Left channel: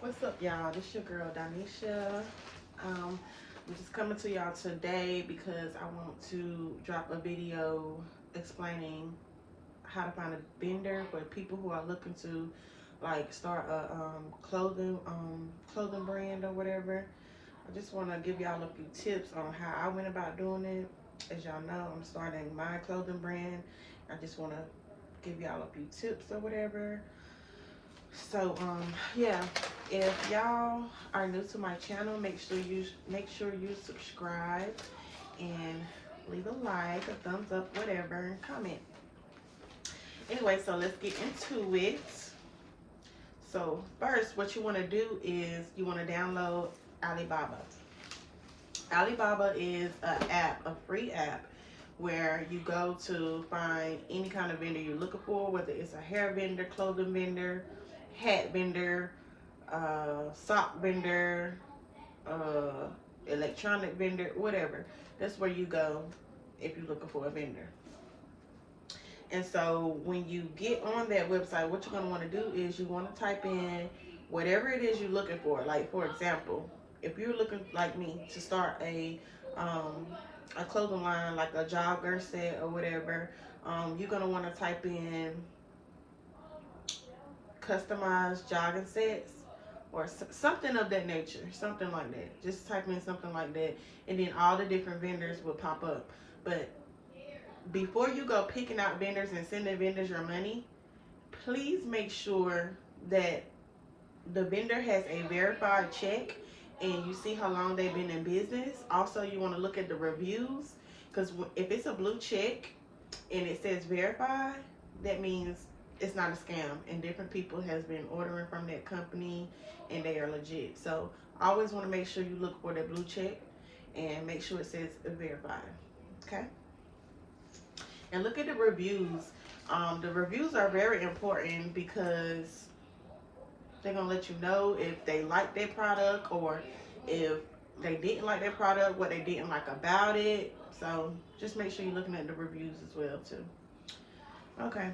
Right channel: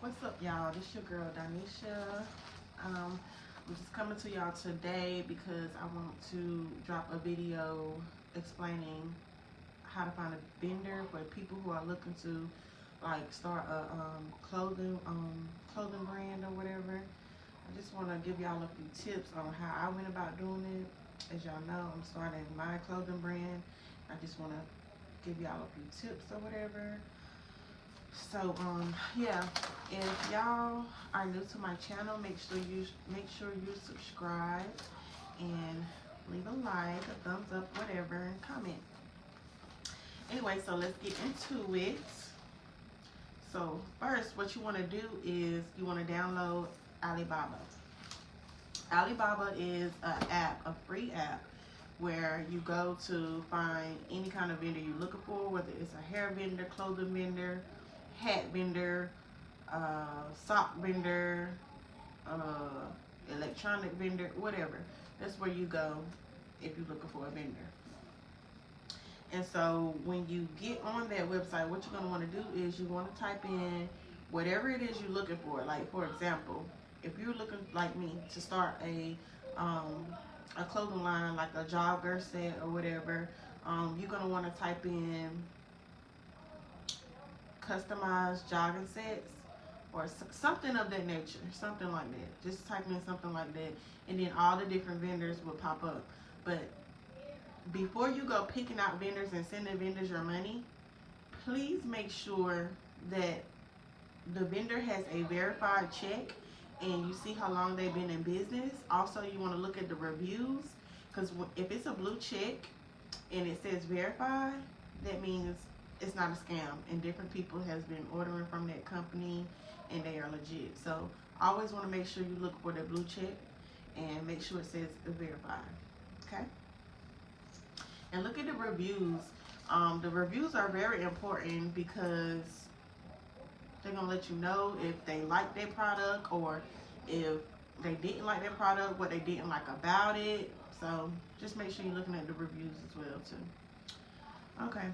What's up, y'all? This your girl Donisha. I'm just coming to y'all today because I want to drop a video explaining how to find a vendor for people who are looking to like start a clothing brand or whatever. I just want to give y'all a few tips on how I went about doing it. As y'all know, I'm starting my clothing brand. I just want to give y'all a few tips or whatever. So yeah, if y'all are new to my channel, make sure you subscribe and leave a like, a thumbs up, whatever, and comment. Anyway, so let's get into it. So first, what you want to do is you want to download Alibaba. Alibaba is a free app where you go to find any kind of vendor you're looking for, whether it's a hair vendor, clothing vendor, hat vendor, sock vendor, electronic vendor, whatever. That's where you go if you're looking for a vendor. And so when you get on that website, what you're going to want to do is you want to type in whatever it is you're looking for. Like, for example, if you're looking like me to start a clothing line, like a jogger set or whatever, you're going to want to type in customized jogging sets or something of that nature, something like that. Just type in something like that, and then all the different vendors will pop up. But before you go picking out vendors and sending vendors your money, please make sure that the vendor has a verified check and you see how long they've been in business. Also, you want to look at the reviews, because if it's a blue check and it says verified, that means it's not a scam and different people has been ordering from that company and they are legit. So I always want to make sure you look for that blue check and make sure it says verified. Okay, and look at the reviews. The reviews are very important because they're gonna let you know if they like their product or if they didn't like their product, what they didn't like about it. So just make sure you're looking at the reviews as well too. Okay.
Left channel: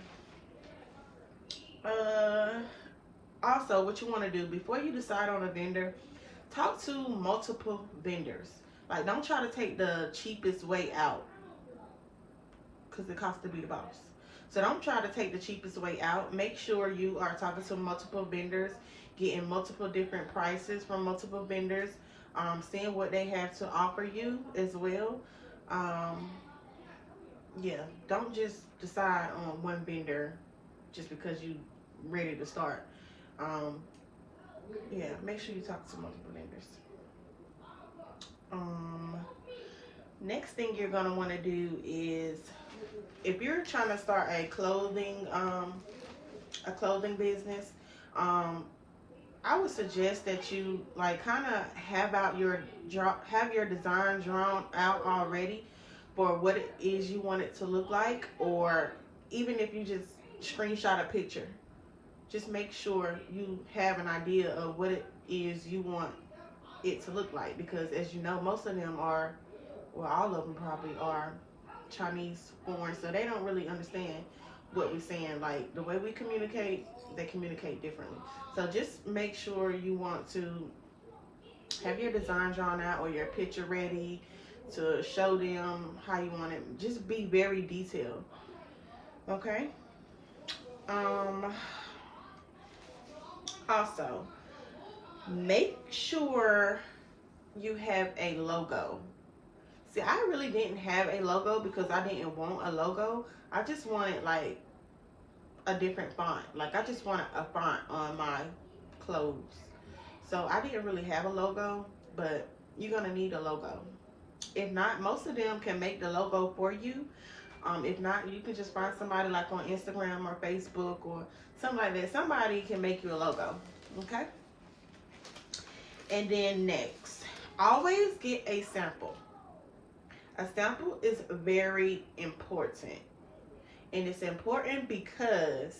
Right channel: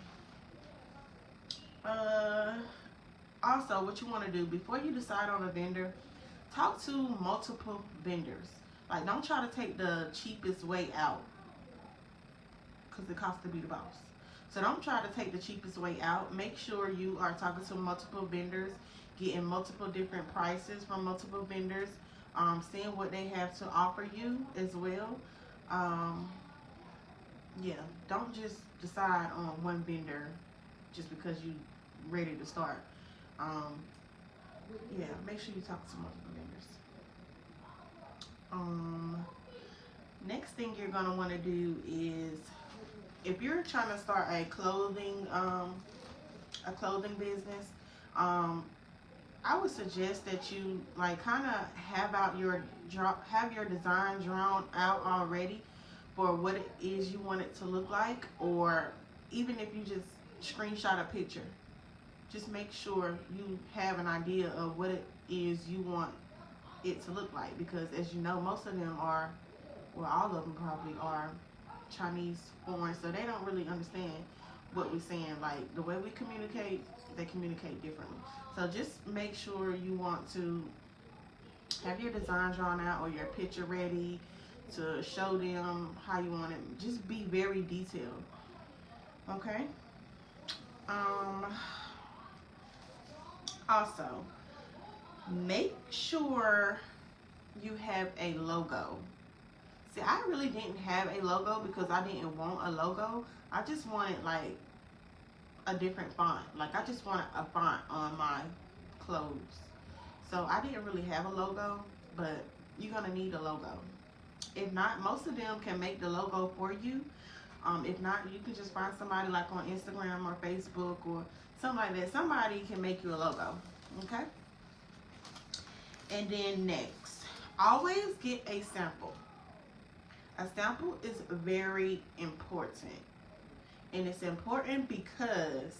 Uh, Also, what you want to do before you decide on a vendor, talk to multiple vendors. Like, don't try to take the cheapest way out because it costs to be the boss. So don't try to take the cheapest way out. Make sure you are talking to multiple vendors, getting multiple different prices from multiple vendors, seeing what they have to offer you as well. Um, yeah, don't just decide on one vendor just because you ready to start. Um, yeah, make sure you talk to multiple vendors. Um, Next thing you're gonna want to do is if you're trying to start a clothing business, um, I would suggest that you like kind of have your design drawn out already for what it is you want it to look like, or even if you just screenshot a picture, just make sure you have an idea of what it is you want it to look like, because as you know, most of them are, well, all of them probably are Chinese foreign, so they don't really understand what we're saying. Like the way we communicate, they communicate differently. So just make sure you want to have your design drawn out or your picture ready to show them how you want it. Just be very detailed. Okay. Um. Also, make sure you have a logo. See, I really didn't have a logo because I didn't want a logo. I just wanted like a different font. Like I just wanted a font on my clothes. So I didn't really have a logo, but you're gonna need a logo. If not, most of them can make the logo for you. If not, you can just find somebody like on Instagram or Facebook or something like that. Somebody can make you a logo. Okay? And then next, always get a sample. A sample is very important. And it's important because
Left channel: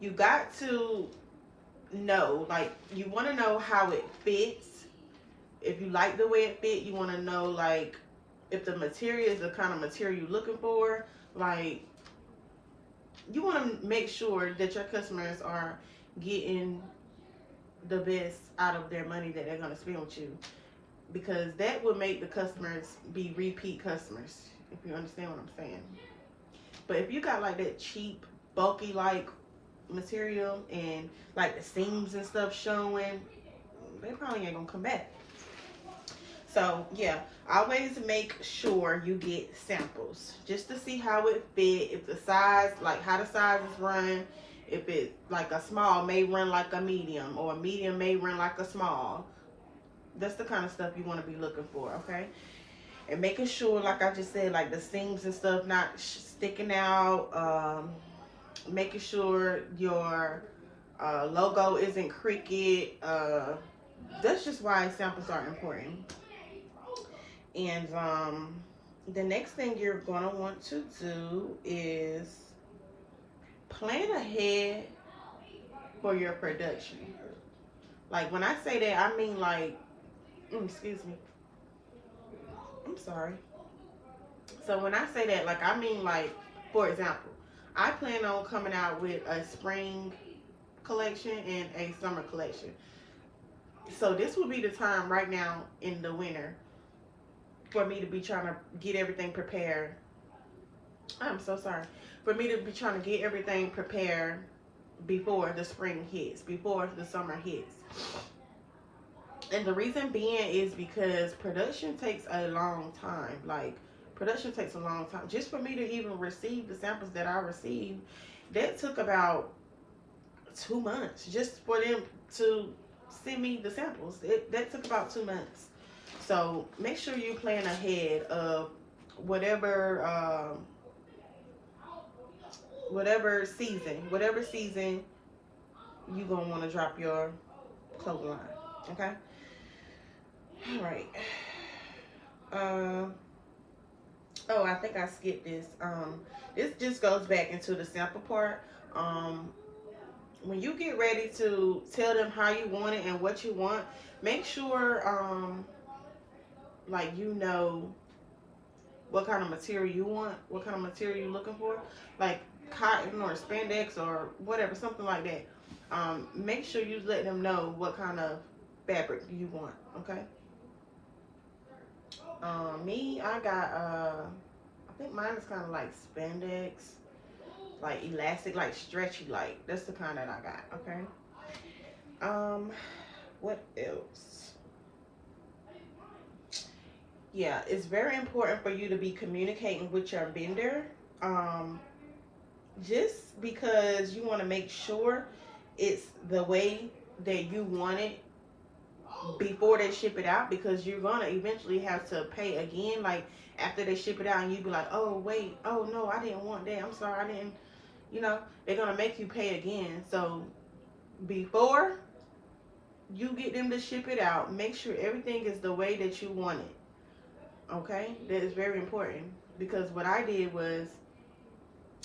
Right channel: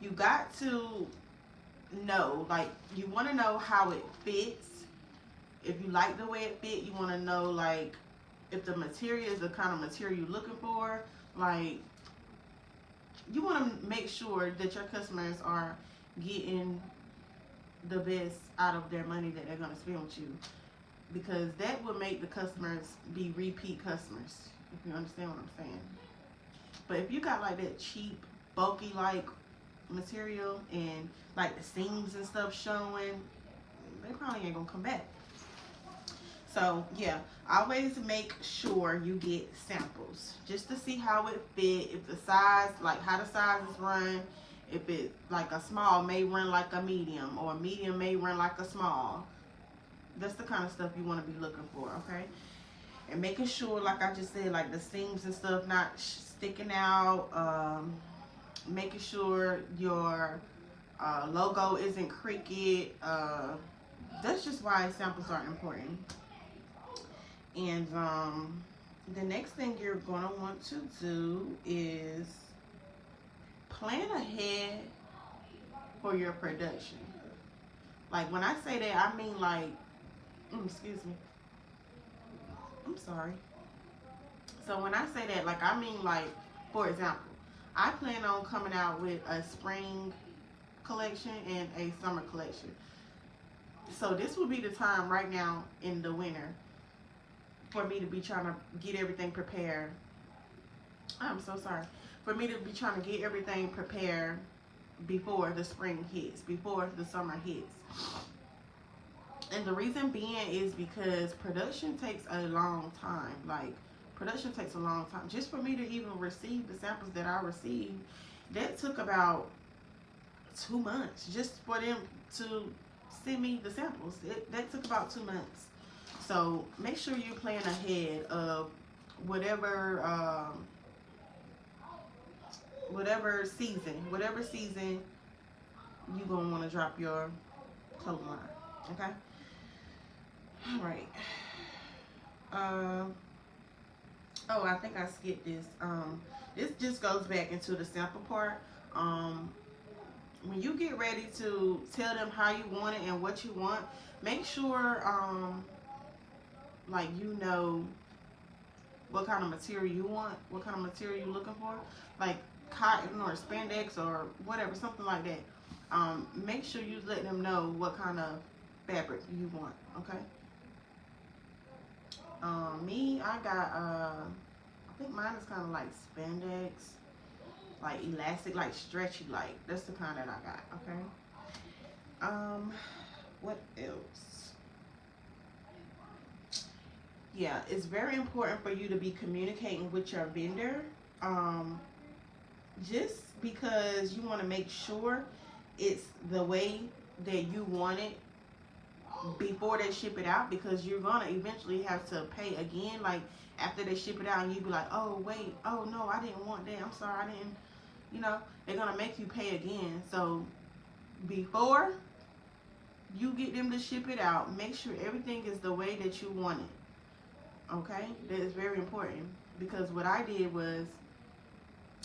you got to know, like, you want to know how it fits. If you like the way it fit, you want to know, like, if the material is the kind of material you're looking for. Like, you want to make sure that your customers are getting the best out of their money that they're going to spend with you, because that will make the customers be repeat customers, if you understand what I'm saying. But if you got like that cheap, bulky like material and like the seams and stuff showing, they probably ain't gonna come back. So yeah, always make sure you get samples just to see how it fit, if the size, like how the sizes run, if it like a small may run like a medium, or a medium may run like a small. That's the kind of stuff you want to be looking for, okay? And making sure, like I just said, like the seams and stuff not sticking out. Making sure your logo isn't crooked. That's just why samples are important. And the next thing you're going to want to do is plan ahead for your production. Like when I say that, I mean like, excuse me, I'm sorry. So when I say that, like I mean like, for example, I plan on coming out with a spring collection and a summer collection. So this will be the time right now in the winter for me to be trying to get everything prepared. I'm so sorry. For me to be trying to get everything prepared before the spring hits, before the summer hits. And the reason being is because production takes a long time. Like, production takes a long time. Just for me to even receive the samples that I received, that took about 2 months just for them to send me the samples. That took about 2 months. So make sure you plan ahead of whatever season you gonna want to drop your clothing line. Okay. All right. Oh, I think I skipped this. This just goes back into the sample part. When you get ready to tell them how you want it and what you want, make sure like you know what kind of material you want, what kind of material you're looking for, like cotton or spandex or whatever, something like that. Make sure you let them know what kind of fabric you want, okay? Me, I got, I think mine is kind of like spandex, like elastic, like stretchy, like that's the kind that I got, okay? What else? Yeah, it's very important for you to be communicating with your vendor, just because you want to make sure it's the way that you want it before they ship it out, because you're gonna eventually have to pay again, like after they ship it out, and you be like, oh wait, oh no, I didn't want that, I'm sorry, I didn't, you know, they're gonna make you pay again. So before you get them to ship it out, make sure everything is the way that you want it, okay? That is very important, because what I did was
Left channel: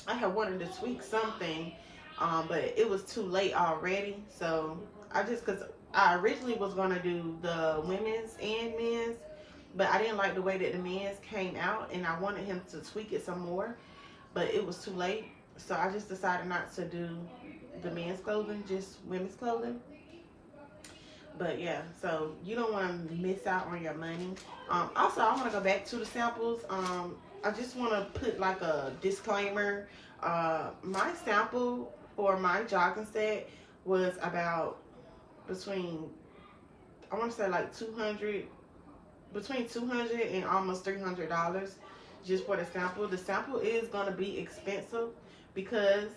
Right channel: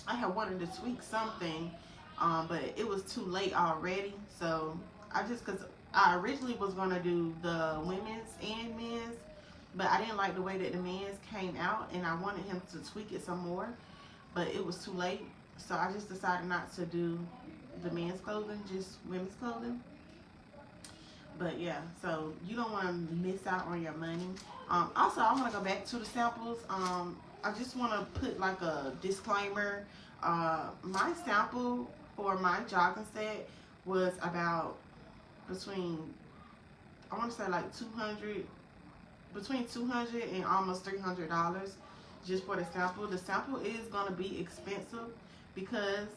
I had wanted to tweak something, but it was too late already. So because I originally was gonna do the women's and men's, but I didn't like the way that the men's came out, and I wanted him to tweak it some more, but it was too late. So I just decided not to do the men's clothing, just women's clothing. But yeah, so you don't want to miss out on your money. Also, I want to go back to the samples. I just want to put like a disclaimer. My sample for my jogging set was about between, I want to say like between $200 and almost $300 just for the sample. The sample is going to be expensive because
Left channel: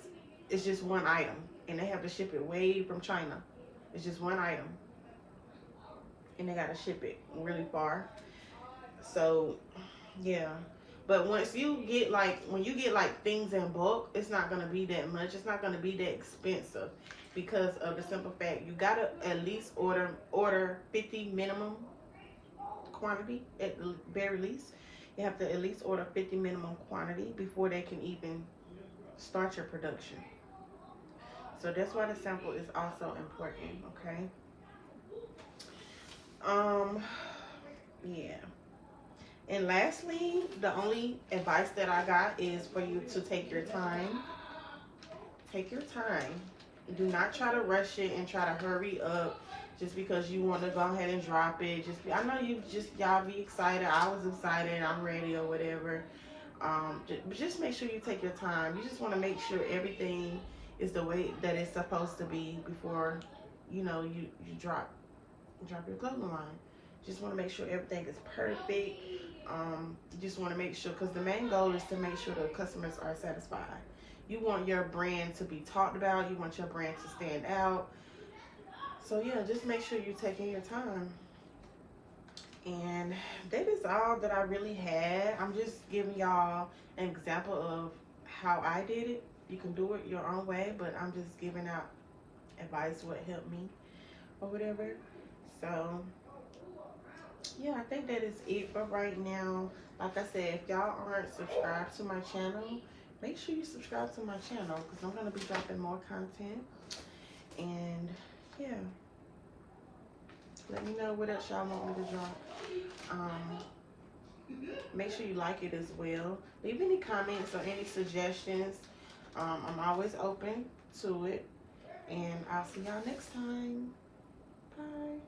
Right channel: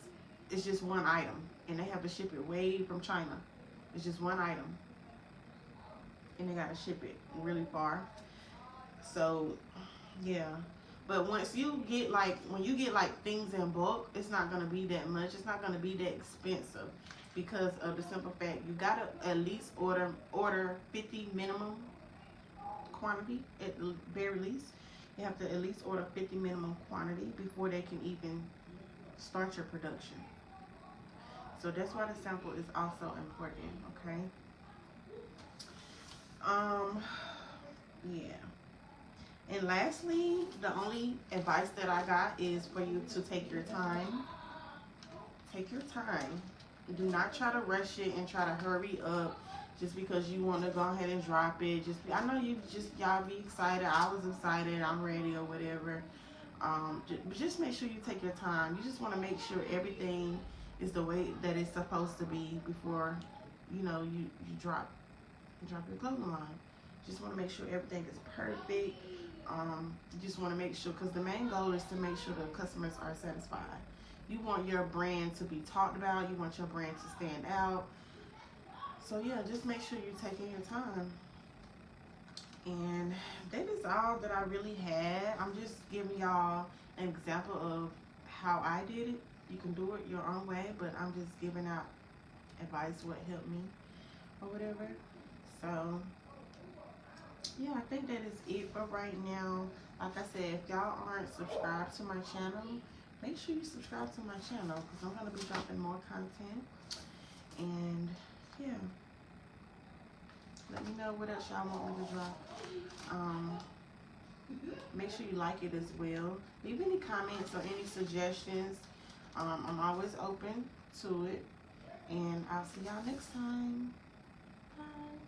it's just one item, and they have to ship it way from China. It's just one item, and they got to ship it really far. So yeah, but once you get like, when you get like things in bulk, it's not going to be that much. It's not going to be that expensive, because of the simple fact you got to at least order 50 minimum quantity. At the very least, you have to at least order 50 minimum quantity before they can even start your production. So that's why the sample is also important, okay? Yeah. And lastly, the only advice that I got is for you to take your time. Take your time. Do not try to rush it and try to hurry up just because you want to go ahead and drop it. I know y'all be excited. I was excited. I'm ready or whatever. But just make sure you take your time. You just want to make sure everything is the way that it's supposed to be before, you drop your clothing line. Just want to make sure everything is perfect. You just want to make sure, because the main goal is to make sure the customers are satisfied. You want your brand to be talked about. You want your brand to stand out. So yeah, just make sure you're taking your time. And that is all that I really had. I'm just giving y'all an example of how I did it. You can do it your own way, but I'm just giving out advice, what helped me or whatever. So yeah, I think that is it for right now. Like I said, if y'all aren't subscribed to my channel, make sure you subscribe to my channel, because I'm going to be dropping more content. And yeah, let me know what else y'all want me to drop. Make sure you like it as well. Leave any comments or any suggestions. I'm always open to it. And I'll see y'all next time. Bye.